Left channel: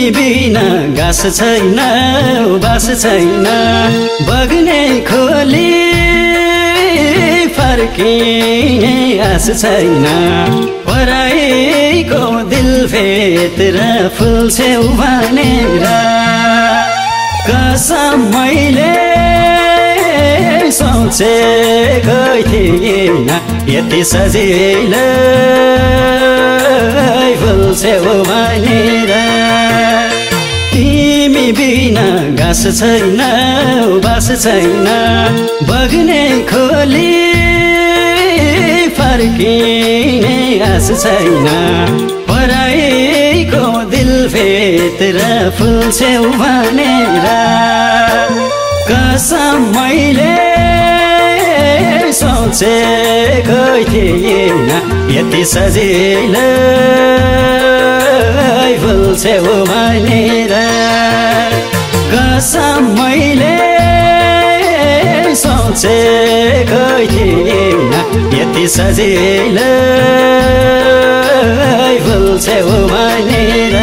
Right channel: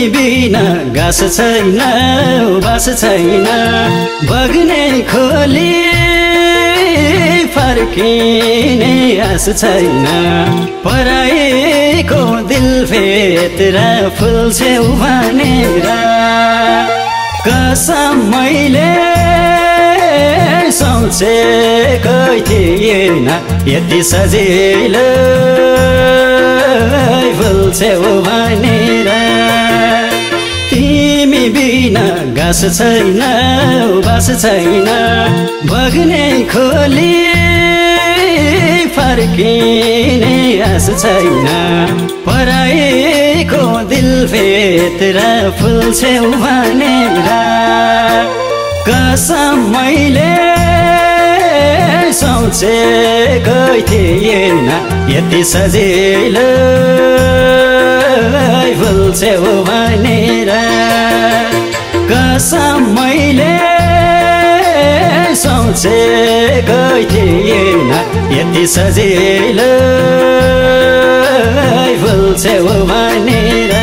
तिमी बिना घाँस छैन बास छैन बग्ने खोली फर्किने आस छैन पराईको दिल भेटेर फुल छेउ भनेर कसम मैले सोचेको थिएन यति सजिलो फुल छेउ भनेर तिमी बिना घाँस छैन बास छैन बग्ने खोली फर्किने आस छैन पराईको दिल भेटेर फुल छेउ भनेर कसम मैले सोचेको थिएन यति सजिलो फुल छेउ भनेर कसम मैले सोचेको थिएन यति सजिलो फुल छेउ भनेर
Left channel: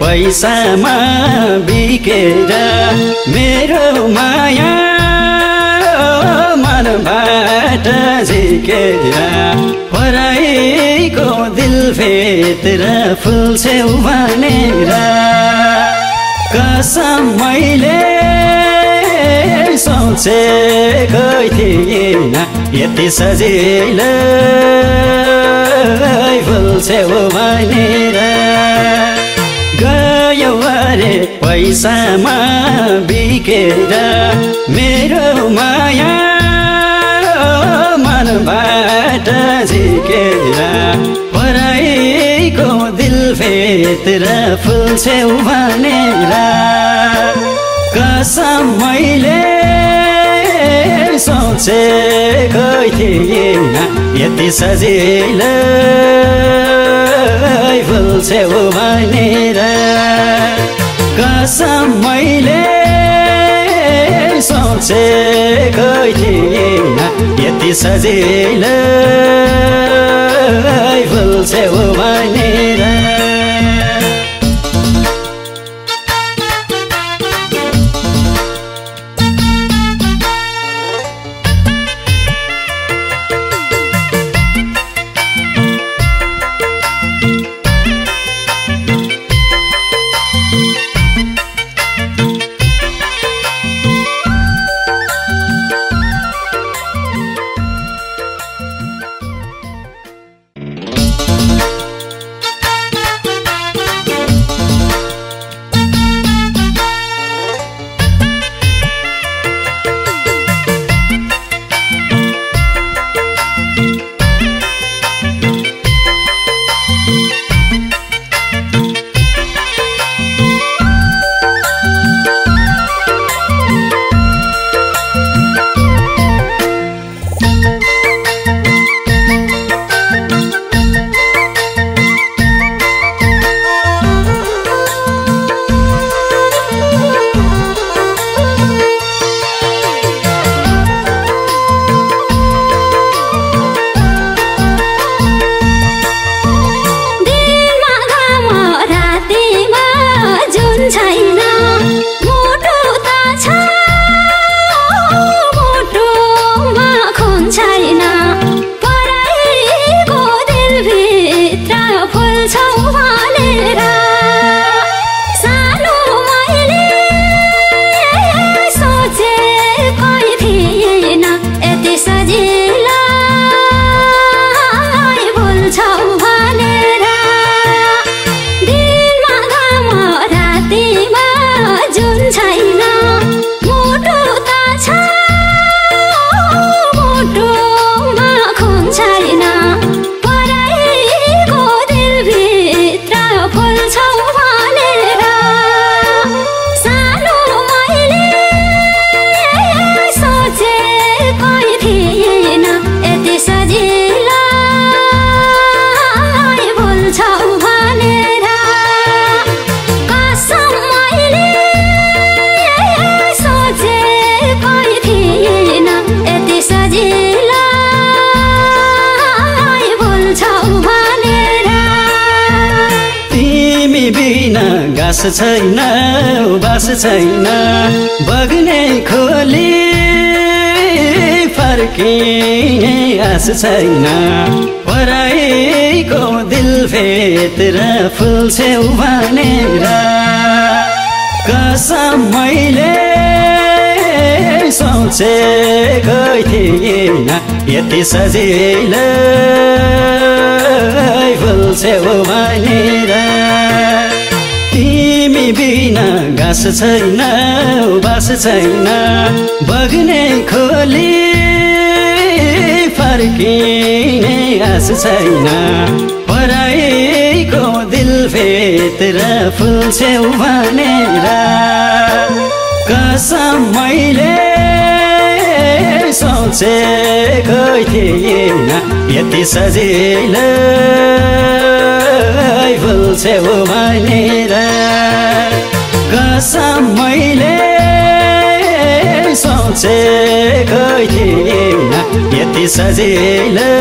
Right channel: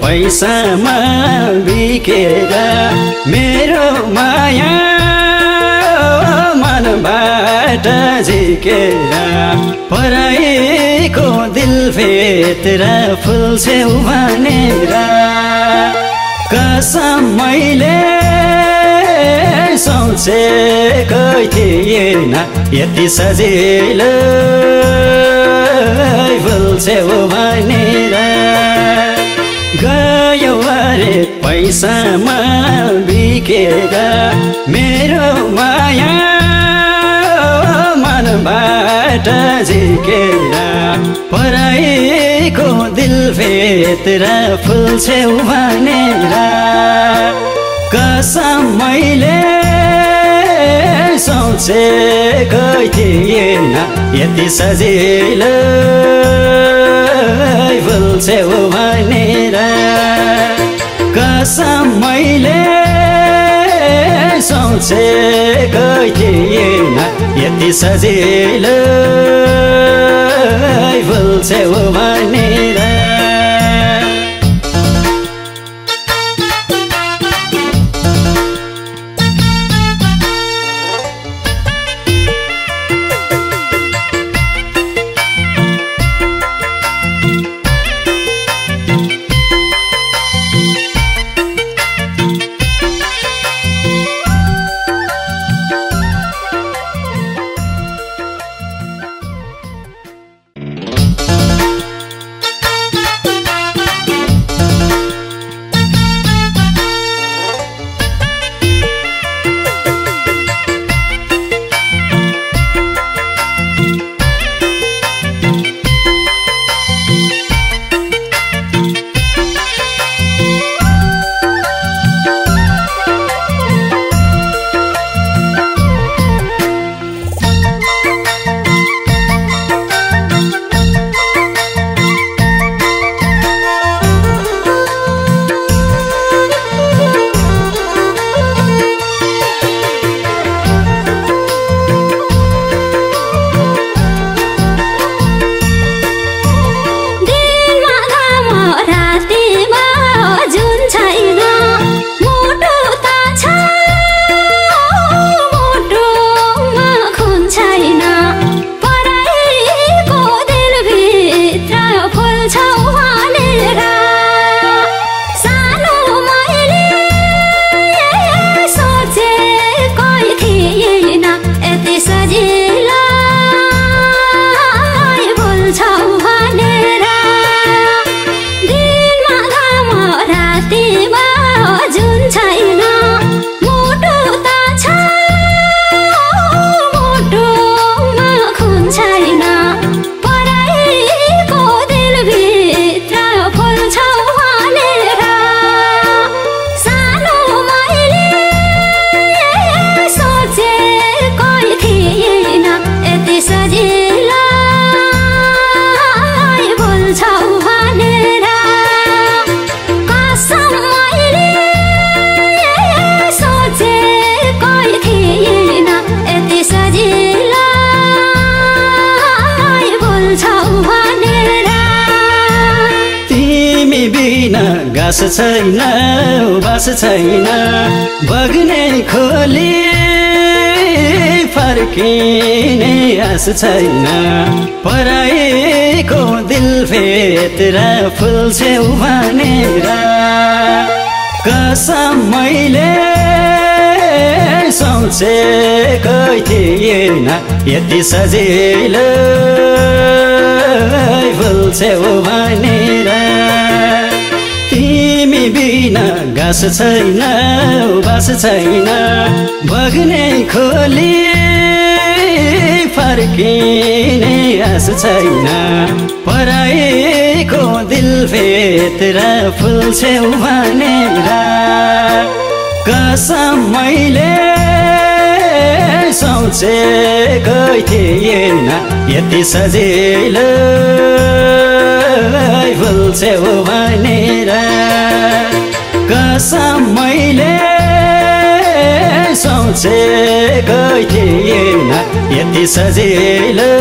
पैसामा बिकेर मेरो माया मनबाट झिकेर पराईको दिल भेटेर फुल छेउ भनेर कसम मैले सोचेको थिएन यति सजिलो फुल छेउ भनेर गयो अरे पैसामा बिकेर मेरो माया मनबाट झिकेर पराईको दिल भेटेर फुल छेउ भनेर कसम मैले सोचेको थिएन यति सजिलो फुल छेउ भनेर कसम मैले सोचेको थिएन यति सजिलो फुल छेउ भनेर घाँस छैन बास छैन बग्ने खोली फर्किने आस छैन पराएको दिल भित्र फुल्छौ भनेर कसम मैले सोचेकै थिएन यति सजिलै फुल्छौ भनेर तिमी बिना घाँस छैन बास छैन बग्ने खोली फर्किने आस छैन पराएको दिल भित्र फुल्छौ भनेर कसम मैले सोचेकै थिएन यति सजिलै फुल्छौ भनेर कसम मैले सोचेकै थिएन यति सजिलै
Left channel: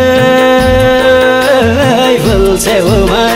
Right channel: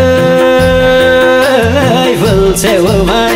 फुल्छौ भनेर